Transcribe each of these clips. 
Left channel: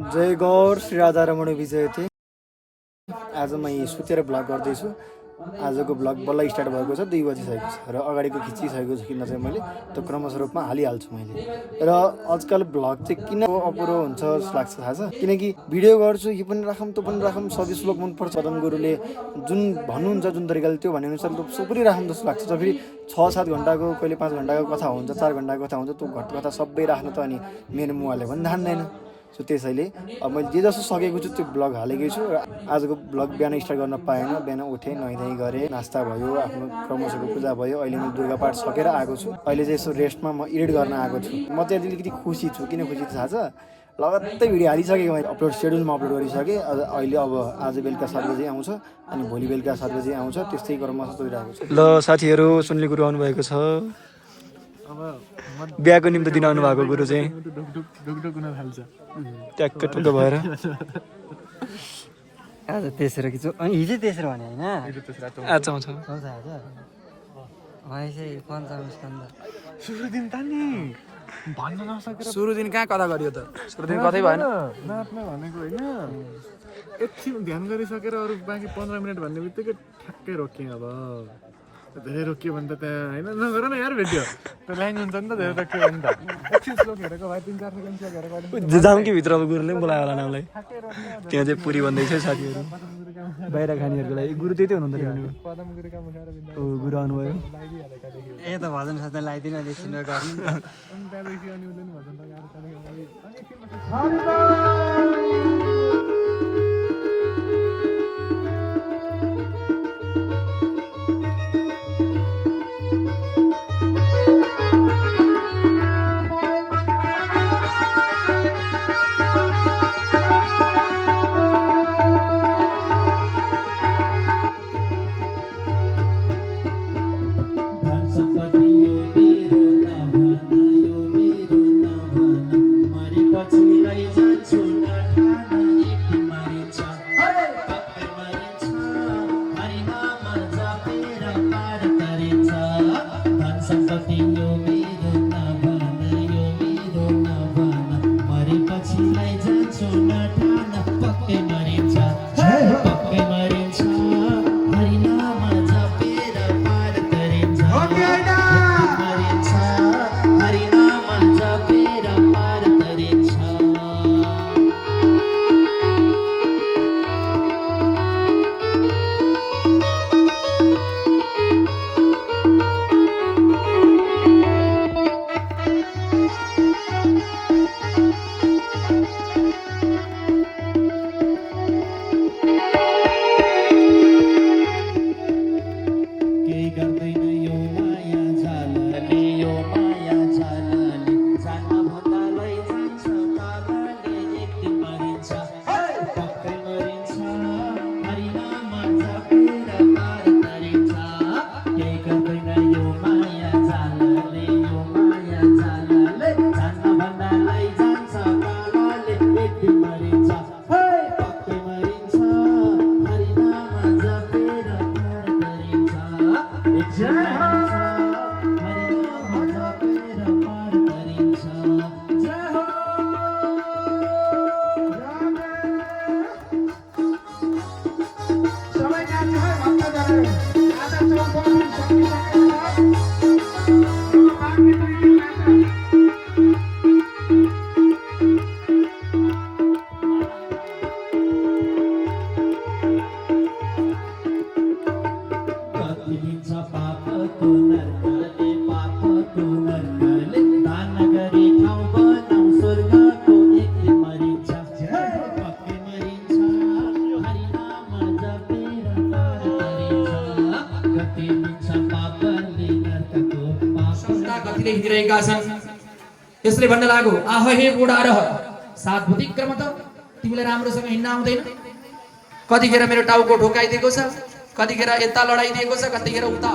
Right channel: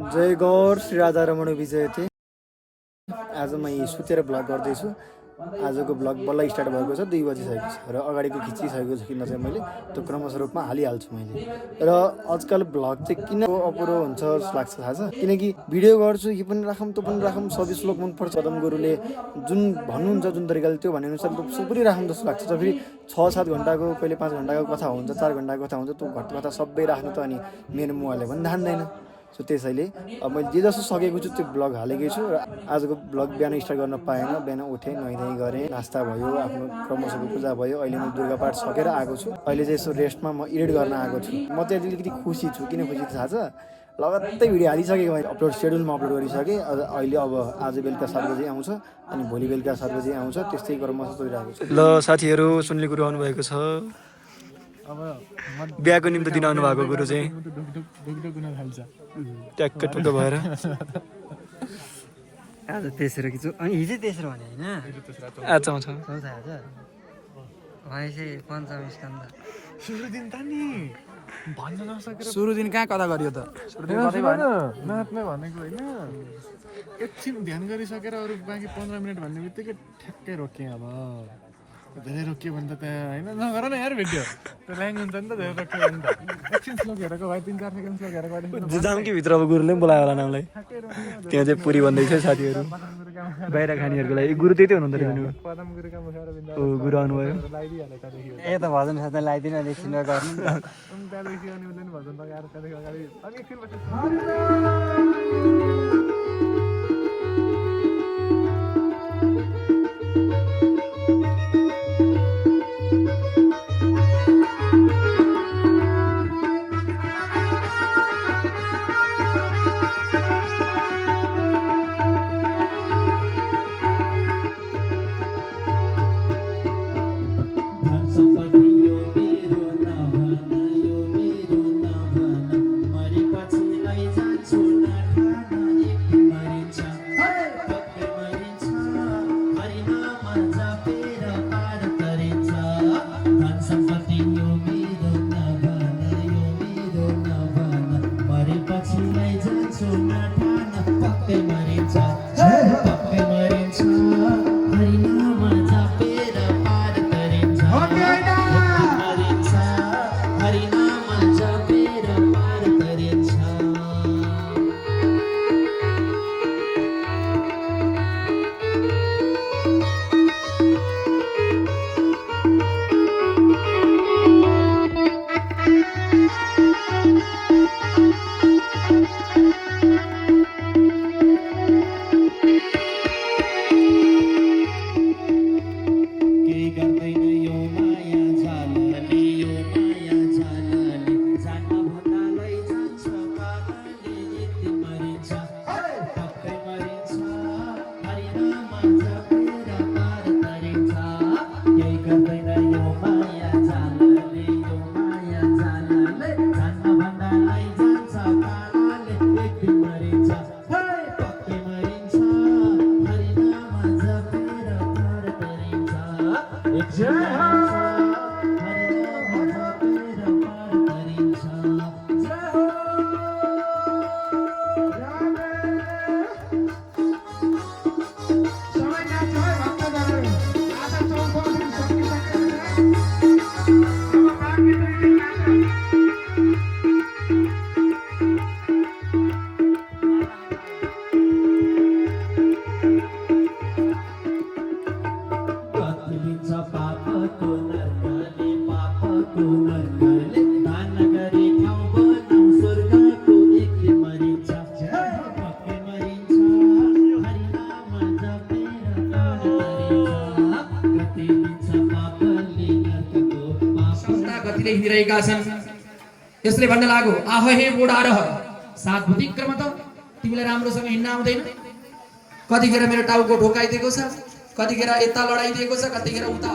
जय गौर श्री राधा रमण विजयते। आज म सुतेर भ्लग गर्दैछु। आजको भ्लग बल्ल स्टार्ट भएको छ, 2 बजिसकेको छ र अगाडिको खिचिसकेको छु किन चाहिँ मैले त्यो क्रमश रूपमा हालिहाल्छु मैले। र आजकल भ्लग चाहिँ किन अपुरो हुन्छ जस्तो लाग्छ थाहा छ, किनकि भिडियो गर्छु यो पनि राखौँ त्यो पनि राखौँ, सबै श्लोक मनपर्छ पदम गुरुले जुन भन्नुहुन्छ जुन तरिकाले त्यो भनेअनुसार सबै राखौँ जस्तो लाग्छ। त फेरि 6-7 घन्टाको कहिले 5 घन्टाको कथा हुन्छ, 4 घन्टाको कथा हुन्छ, त्यो कथा सबै राख्नु त अनि मेरो मुहाले पनि धान्दैन। सो त्यसैले अब मैले जे जसो सकेको छु त्यो भ्लग हालेकै छु। र आजको भ्लग बिहान स्टार्ट गर्न पाएन, बिहान उठेँ, नुहाइधुवाइ गरेँ, नास्ता भयो, आफ्नो क्रमशको पूजा भयो। अहिले मैले दुर्गा पाठ सकेर आएको छु। अहिले चाहिँ यसो रेस्टमा म एडिट गर्न आएको छु। म चाहिँ अलिकति खुसी छु। किन खुसी थाहा छ, लगत्तै भिडियो हालिसकेको मैले, अपलोड सेड्युलमा अपलोड गरिसकेँ। अहिले अब आज बेलुका 7 बजी आउँछ अनि भोलि बेलुका 7 बजी आउँछ, त्यस्तै क्रमश चलिरहेको छ। ल साथीहरू, सुनले गुरु आउनुभएको छ। बिहाको निम्ति दिन आउनु भएको गुरु चाहिँ ट्याक्क टुक्क भएर आज तेस्रो कि अनि हिजो तेस्रो भने होइन, आज आउँछ। सुरु दिन कहाँ कथा गरियो त? सुरु दिन कतै भएन भनेको होइन, एकछिन ध्यान गरिसकेर अरू बाँकी 15 मिनट भन्ने बित्तिकै ठ्याक्कै रोक्यौँ। अब धेरै रोकियो भने त त्यहाँ होइन नगर न यार, भेट्यो त्यो लाइन हुन्छ नि त, धेरै रोक्यो भने त एकछिन स्लोक हेरेको भए 3-4 सेकेन्ड स्लोक हेरेको जाउँ कि भित्र, अब गुरुले पनि बोलायो होला नामलाई। त्यहाँ चाहिँ पुरी भन्दैछ साथीहरू, बाहिर खानेहरूको लागि। गुरु त्यही हुनुहुँदो रहेछ नि, ओ गुरु आउनुभयो। ए त भजन साथै लगाइदिनु एकछिन हिँडिरहेका छन्। यसले भन्न लाग्यो, आह हे बुढा र सात भूतिक क्रम त तिमीलाई राम्रोसँग हिँड्न आउँदैन। कतिखेर मेरो टाउको ठोकाइदिएको छ, कतिखेर यता लडाइदिएको छ, कतिखेर उता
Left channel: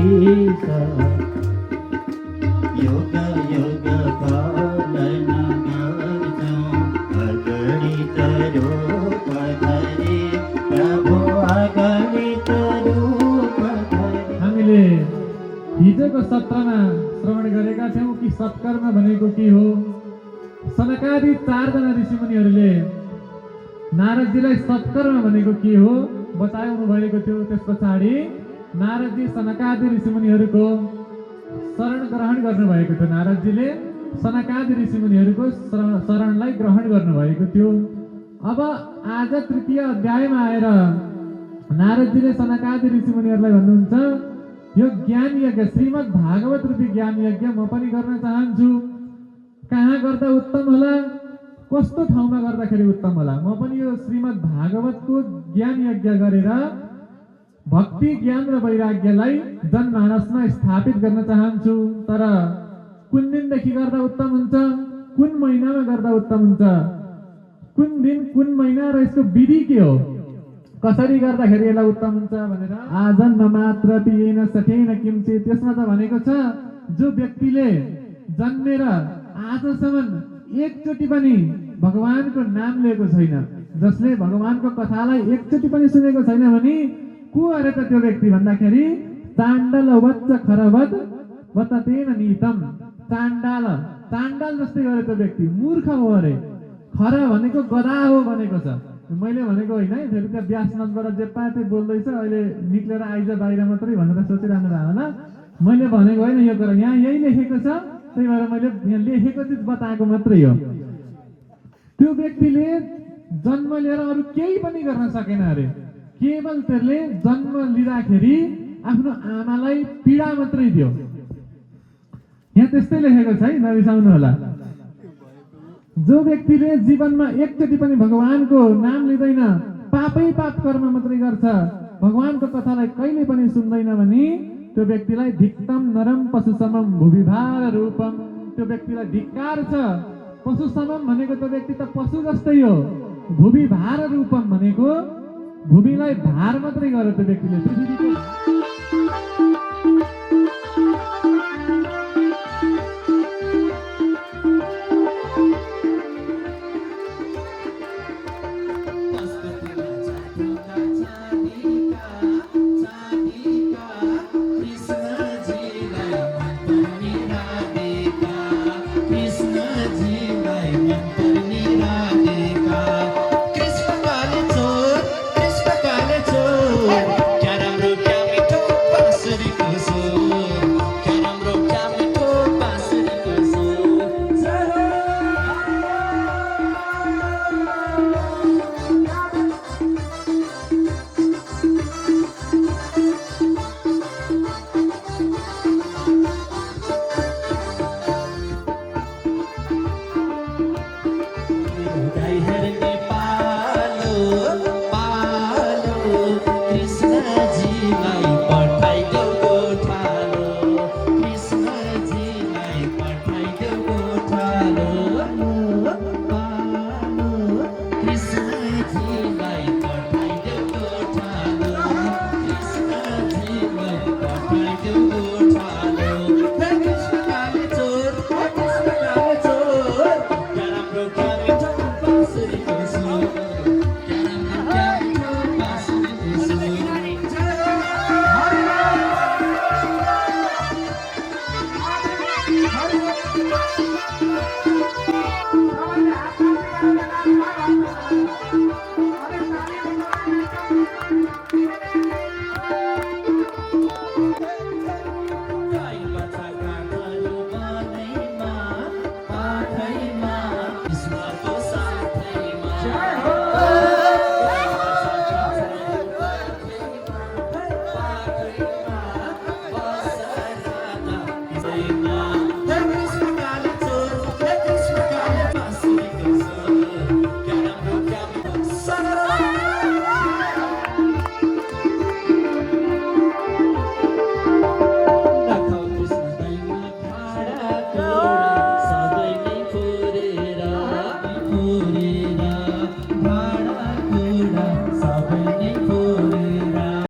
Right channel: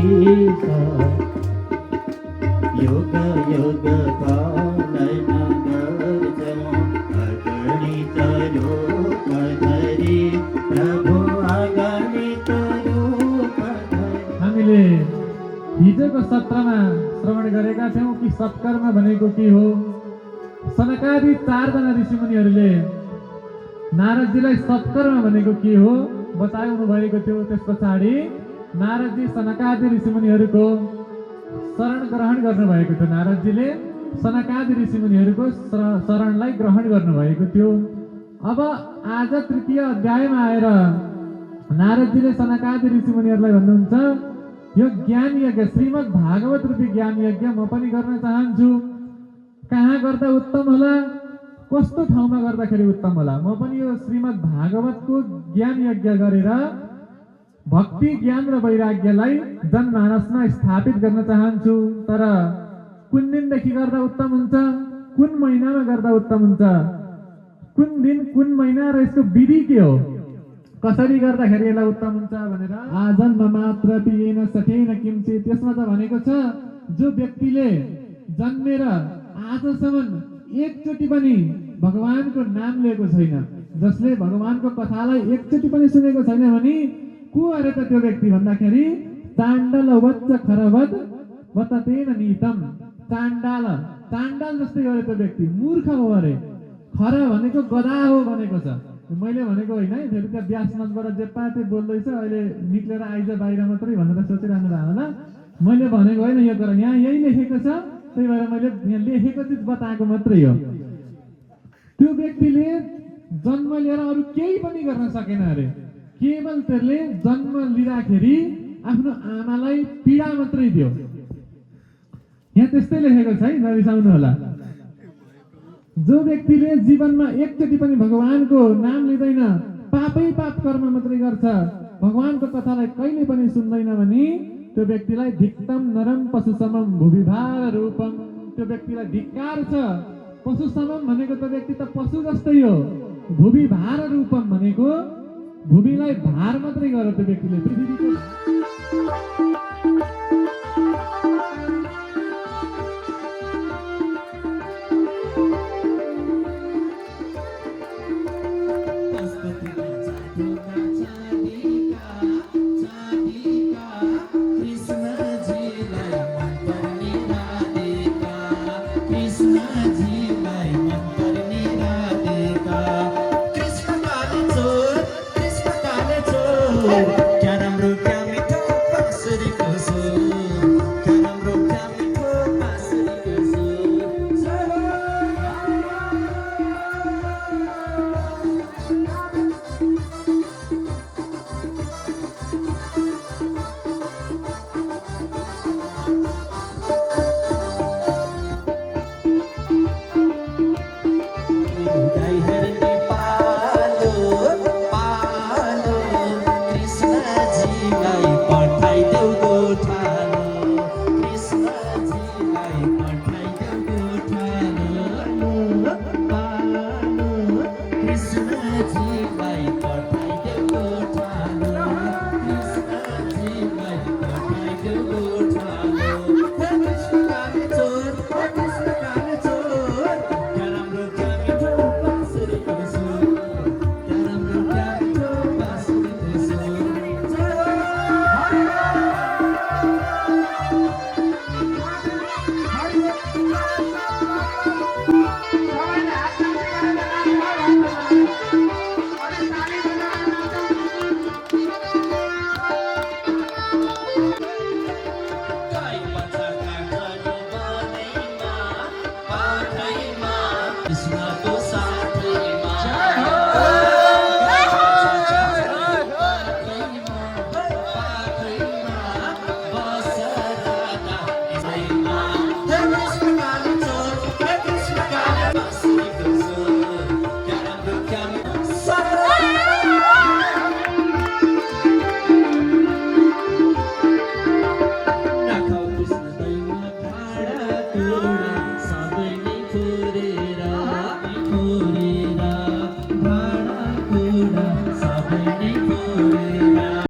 देश युग युग पालन गर्छौँ अगणित रूप धरी प्रभु अगणित रूप धरी। हामीले हिजोको सत्रमा श्रवण गरेका थियौँ कि सत्कर्म भनेको के हो। सनकादि 4 जना ऋषिमुनिहरूले नारदजीलाई सत्कर्म भनेको के हो बताउनु भएको थियो। त्यस पछाडि नारदजी सनकादि ऋषिमुनिहरूको शरण ग्रहण गर्नुभएको थियो। नारदजीले सनकादि ऋषिमुनिहरूको शरणलाई ग्रहण गर्नुभएको थियो। अब आज 3य अध्यायमा आएर नारदजीले सनकादि ऋषिमुनिहरूलाई भन्नुहुन्छ यो ज्ञान यज्ञ श्रीमद् भागवत रूपी ज्ञान यज्ञ म पनि गर्न चाहन्छु। कहाँ गर्दा उत्तम होला, कस्तो ठाउँमा गर्दाखेरि उत्तम होला। म पनि यो श्रीमद् भागवतको ज्ञान यज्ञ गरेर भक्ति ज्ञान र वैराग्यलाई जनमानसमा स्थापित गर्न चाहन्छु। तर कुन दिनदेखि गर्दा उत्तम हुन्छ, कुन महिनामा गर्दा उत्तम हुन्छ, कुन दिन कुन महिना र यसको विधि के हो, कसरी गर्दाखेरि यसलाई उत्तम हुन्छ भनेर आजन्म मात्र पिएन सकेन किमचित। त्यसमा त भनेको छ जो व्यक्तिले जन्मेर आजसम्म एकचोटि पनि भगवानको नाम लिएको छैन, जसले भगवानको कथालाई एकचोटि पनि सुनेको छैन भने को अरे त त्यो व्यक्ति भन्दाखेरि चाण्डल वच्च खरवत वततेन नीतम। चाण्डाल जस्तै गरे त्यो व्यक्ति मूर्ख हो अरे। खर भनेको गधा हो भनेको छ। मैले भनेको होइन है, फेरि त्यहाँ व्यासनदबाट जे पाए त्यही बोल्दैछ, अहिले निक्लेर आइज बाहिर मात्रै भनेर सोचिरहनु भएको होला। मैले भनेको होइन यो कुरा, यहाँ यही लेखेको छ, त्यही भएर मैले यहाँ लेखेको चिज बताएको मात्रै हो। त्यो व्यक्तिले जन्म लिएर अरू केही पनि गर्न सकेन अरे। केवल त्यसले जन्म लिँदाखेरि आफ्नो आमालाई पीडा मात्रै दियो। यहाँ त्यस्तै लेखेको छ है, नरिसाउनु होला। जो व्यक्तिले जीवनमा एकचोटि पनि भगवानको नाम लिँदैन, पापै पाप कर्म मात्रै गर्छ, भगवानको कथालाई कहिले पनि सुन्दैन भने त्यो व्यक्तिलाई धिक्तम नरम पशुसमम भूविभार रूपम। त्यो व्यक्तिलाई धिक्कार छ। पशुसमम भनेको त्यो व्यक्ति त पशु जस्तै हो। भूविभार रूपम भनेको भूमिलाई भार मात्रै गर्यो त्यो व्यक्तिले। पृथ्वीको कृष्णजीलाई पठाई